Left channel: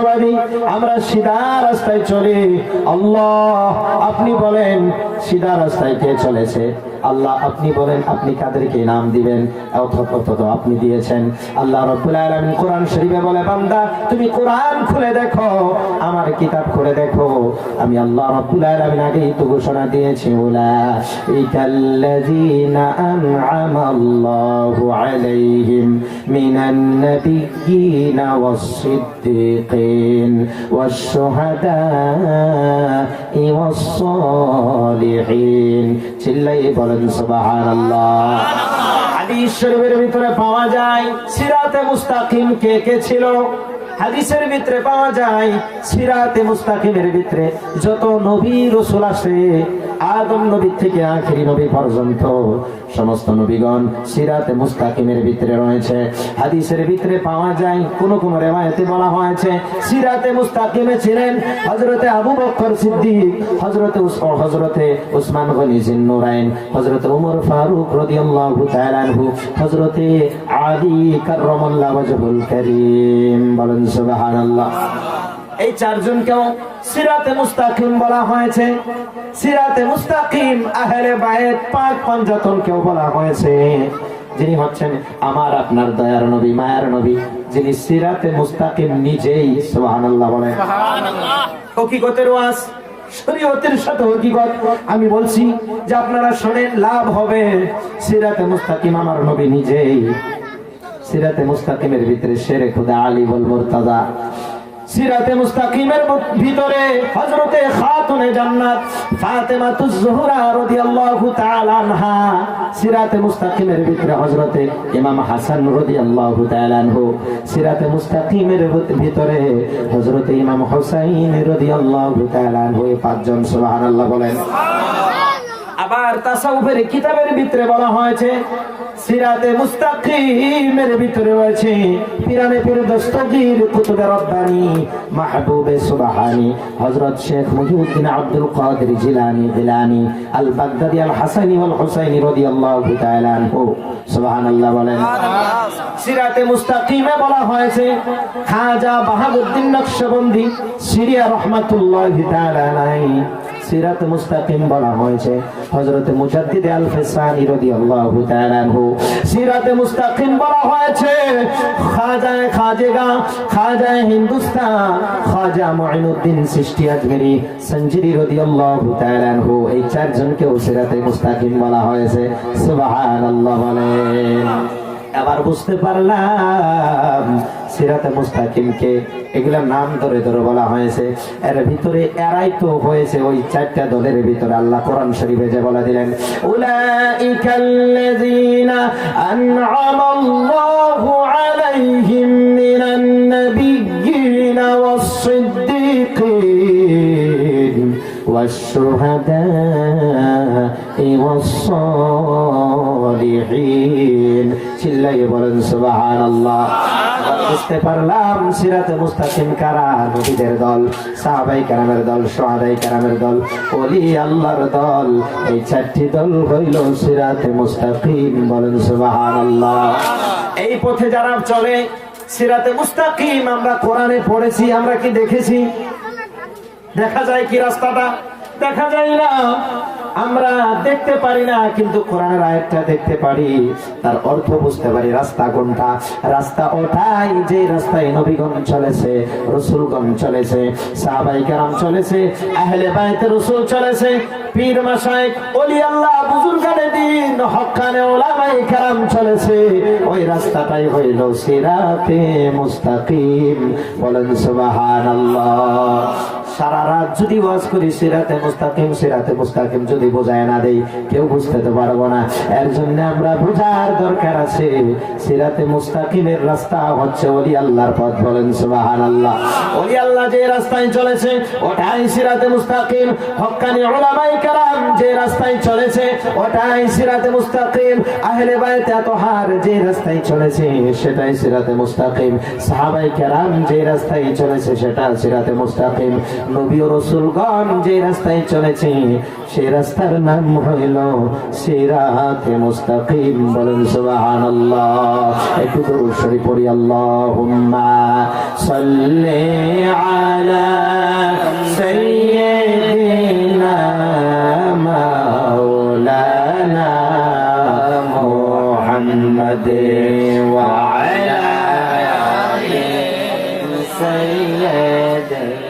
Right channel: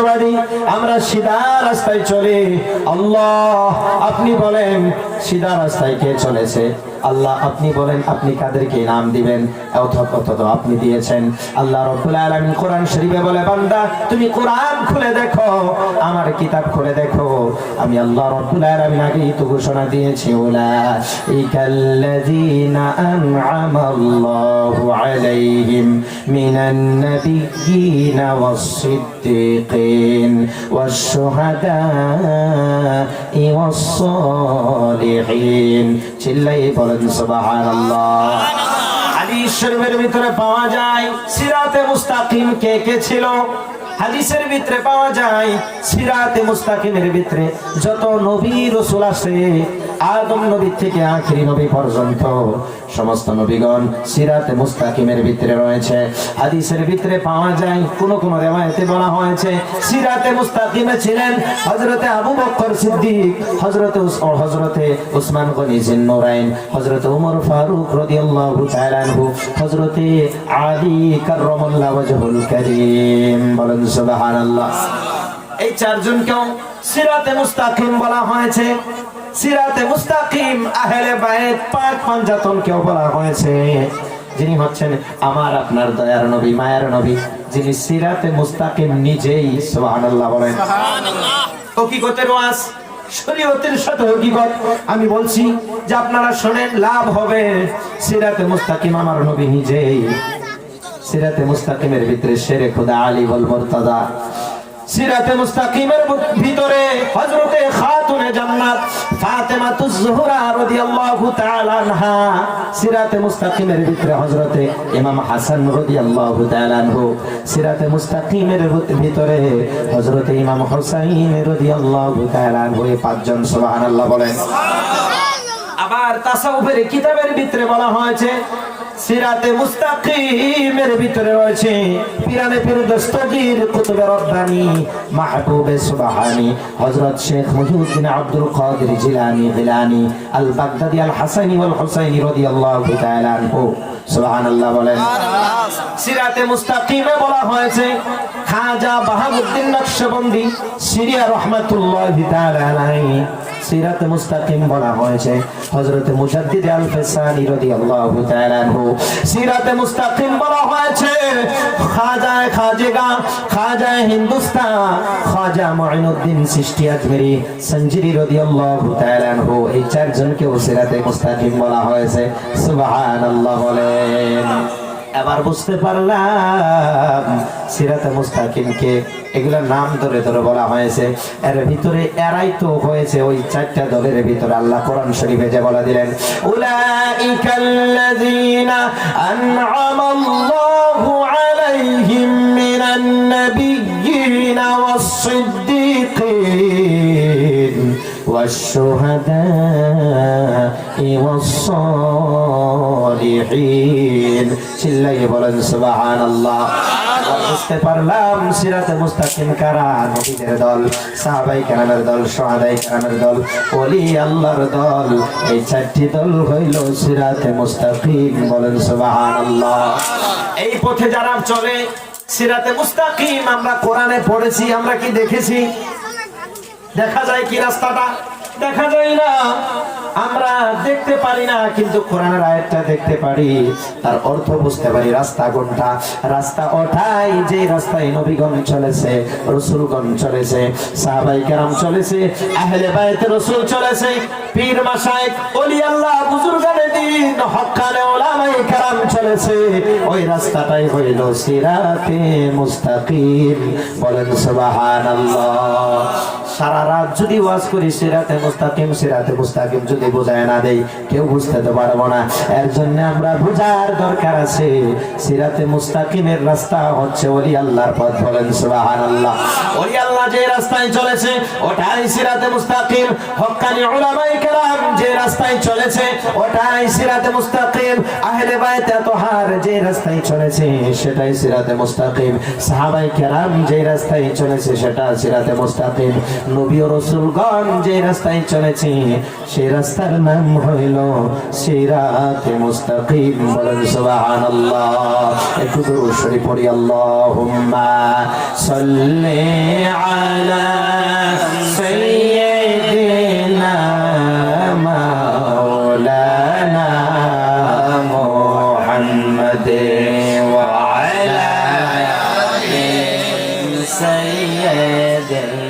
সত্যবাদী, আমরা সিধা রাস্তায় চলি। আল্লাহ আপনি বলেন সিধা রাস্তায় কে চলেছে? আল্লাহ আপনি বলেন আপনি কাদেরকে নাম দিবেন, অথচ আপনি দিয়েছেন। আল্লাহ রাব্বুল আলামিন কোরআন শরীফে বলে, বান্দা তুমি কোরআন খুলে দেখো, আমার কিতাব খুলে দেখো, আমি আল্লাহ রাব্বুল আলামিন আগেই তো ঘোষণা দিয়েছি, উলাইকাল্লাযীনা আন'আমাল্লাহু আলাইহিম মিনান নাবিয়্যিনা ওয়াস-সিদ্দীকিন ওয়াশ-শুহাদা'i ওয়াস-সালিহিন। চিল্লায়ে বলেন সুবহানাল্লাহ। হাদিস শরীফের ভিতরে পাওয়া যায় সিরাতে মুস্তাকিম কে কে ছিল। হাদিসের ভিতরে পাওয়া যায় সিরাতে মুস্তাকিমের ভিতরে যত নবী রাসূল আছে, আদম নবী থেকে আখিরি নবী পর্যন্ত সমস্ত নবীগণ সিরাতে মুস্তাকিমের ভিতরে রয়েছে। হাদিসের ভিতরে পাওয়া যায় কোন কোন রিওয়ায়াতে বলা হয়েছে সিরাতে মুস্তাকিমে ছিলেন হযরতে আবু বকর সিদ্দিক, হযরতে উসমান গনি জিন্নুরাইন, হযরতে ওমর ফারুক রাদিয়াল্লাহু তাআলা আনহু, হযরতে আলী কাররামাল্লাহু ওয়াজহুল কারীম। বলেন সুবহানাল্লাহ। এই চারজনকেও সিরাতে মুস্তাকিম বলা হয়েছে। সিরাতে মুস্তাকিম আহলে বায়ত পাক পঞ্জাতনকেও বলা হয়েছে, যিনি হচ্ছেন আমার আপনার দয়ার নবী, মায়ার নবী, যিনি সিরাতে মুস্তাকিম নিজেই। সুবহানাল্লাহ বলেন। হকিকতের ওয়াজ, শরীয়তের সাথে হকিকত আমি বলছি যে আপনারা শুনেন, লাভ হবে। সিরাতে মুস্তাকিম আমার নবী নিজেই। সিরাতে মুস্তাকিমের ভিতরে শেরে খুদা আলী ওয়াল মুরতাদা, সিরাতে মুস্তাকিমের ভিতরে হযরতে খাতুনে জান্নাত ফাতেমাতুজ জোহরা রাদিয়াল্লাহু তাআলা আনহা, সিরাতে মুস্তাকিমের ভিতরে হযরতে ইমাম হাসান রাদিয়াল্লাহু তাআলা আনহু, সিরাতে মুস্তাকিমের ভিতরে হযরতে ইমাম হুসাইন রাদিয়াল্লাহু তাআলা আনহু। এই পাঁচজন সুবহানাল্লাহ বলেন। আবার তাসাউফের কিতাবের ভিতরে বলা হয়েছে সিরাতে মুস্তাকিমের ভিতরে রয়েছে পিরানে পীর দস্তগীর কুতুবে রব্বানি মাহবুবে সুবহানি হযরত শেখ মুহিউদ্দিন আব্দুল কাদের জিলানী আল বাগদাদি আল হাসানি ওয়াল হুসাইনি রাদিয়াল্লাহু তাআলা আনহু। সুবহানাল্লাহ বলেন। সিরাতে মুস্তাকিমে বলা হয়েছে খাজা বাহাউদ্দিন নকশবন্দি সিরিয়া রাহমাতুল্লাহি তাআলা আলাইহি। সিরাতে মুস্তাকিম বলা হয়েছে হযরতে মুজাদ্দিদ আল ফিসানি রাদিয়াল্লাহু তাআলা আনহু। সিরাতে মুস্তাকিম বলা হয়েছে খাজা হিন্দুস্তান খাজা মুঈনুদ্দিন চিশতি আজমেরি সঞ্জিরি রাদিয়াল্লাহু তাআলা আনহু। এই চারজনকেও সিরাতে মুস্তাকিম বলা হয়েছে। সুবহানাল্লাহ বলেন। এবার বুঝতে পারলাম সিরাতে মুস্তাকিমকে এগুলা নাম ধরে ধরে বলা হয়েছে। এর ভিতরে এরাই তো হয়েছে ওই চারটা দলের ভিতরে। আল্লাহ কোরআন শরীফে যে বলে দিলেন, উলাইকাল্লাযীনা আন'আমাল্লাহু আলাইহিম মিনান নাবিয়্যিনা ওয়াস-সিদ্দীকিন ওয়াশ-শুহাদা'i ওয়াস-সালিহিন। চিল্লায়ে বলেন সুবহানাল্লাহ। বুঝতে পারলাম সিরাতে মুস্তাকিম কারা? নবীদের দল, সাহাবায়ে কেরামের দল, শুহাদায়ে কেরামের দল, ওলি আল্লাহর দল। এই চারটি দল হইল সিরাতে মুস্তাকিম। বলেন সুবহানাল্লাহ। এই পথে যারা চলে সিরাতে মুস্তাকিম আমরা কোরআনে পড়েছি, আমরা কি দেখেছি? দেখা যায় কি রাস্তাটা? দেখা যায় না, আমরা দেখতে পারি না, কিন্তু কোরআনের আয়াতটা দেখতে পারি, তার অর্থ বুঝতে পারি। রাস্তা কোনটা? রাস্তা ওঠাই যে রাস্তায় নবীগণ চলেছে, রাসূলগণ চলেছে, সাহাবায়ে কেরাম চলেছে, আহলে বাইত রাসূল চলেছে, পীর মাশায়েখ ওলি আল্লাহ বুজুর্গানে দ্বীন হক্কানে উলামায়ে কেরাম চলেছে। ওই রাস্তাটাই হইল সিরাতে মুস্তাকিম। বলেন সুবহানাল্লাহ। সারা রাত যদি ওয়াজ করি সিরাতে মুস্তাকিম যদি বোঝায় না দেই, কেউ বুঝতে তো পারবো না। এর জন্য আমরা বোঝার দরকার আছে সিরাতে মুস্তাকিমের রাস্তা হচ্ছে ওলি আল্লাহর পথ। বলেন সুবহানাল্লাহ। ওলি আল্লাহ যে রাস্তায় চলেছে ওটাই সিরাতে মুস্তাকিম। হক্কানি উলামায়ে কেরাম যে রাস্তায় চলেছে ওটাই সিরাতে মুস্তাকিম। আহলে বাইত আতহার যে রাস্তায় চলেছে সেটাই সিরাতে মুস্তাকিম। সাহাবায়ে কেরাম যে রাস্তায় চলেছে সেটা সিরাতে মুস্তাকিম। নবী ও রাসূলগণ যে রাস্তায় চলেছে সেই রাস্তার নাম হইল সিরাতে মুস্তাকিম। বলেন সুবহানাল্লাহ। একটু দরুদ শরীফ পড়ি। আল্লাহুম্মা সাল্লি محمد وعلى آل سيدنا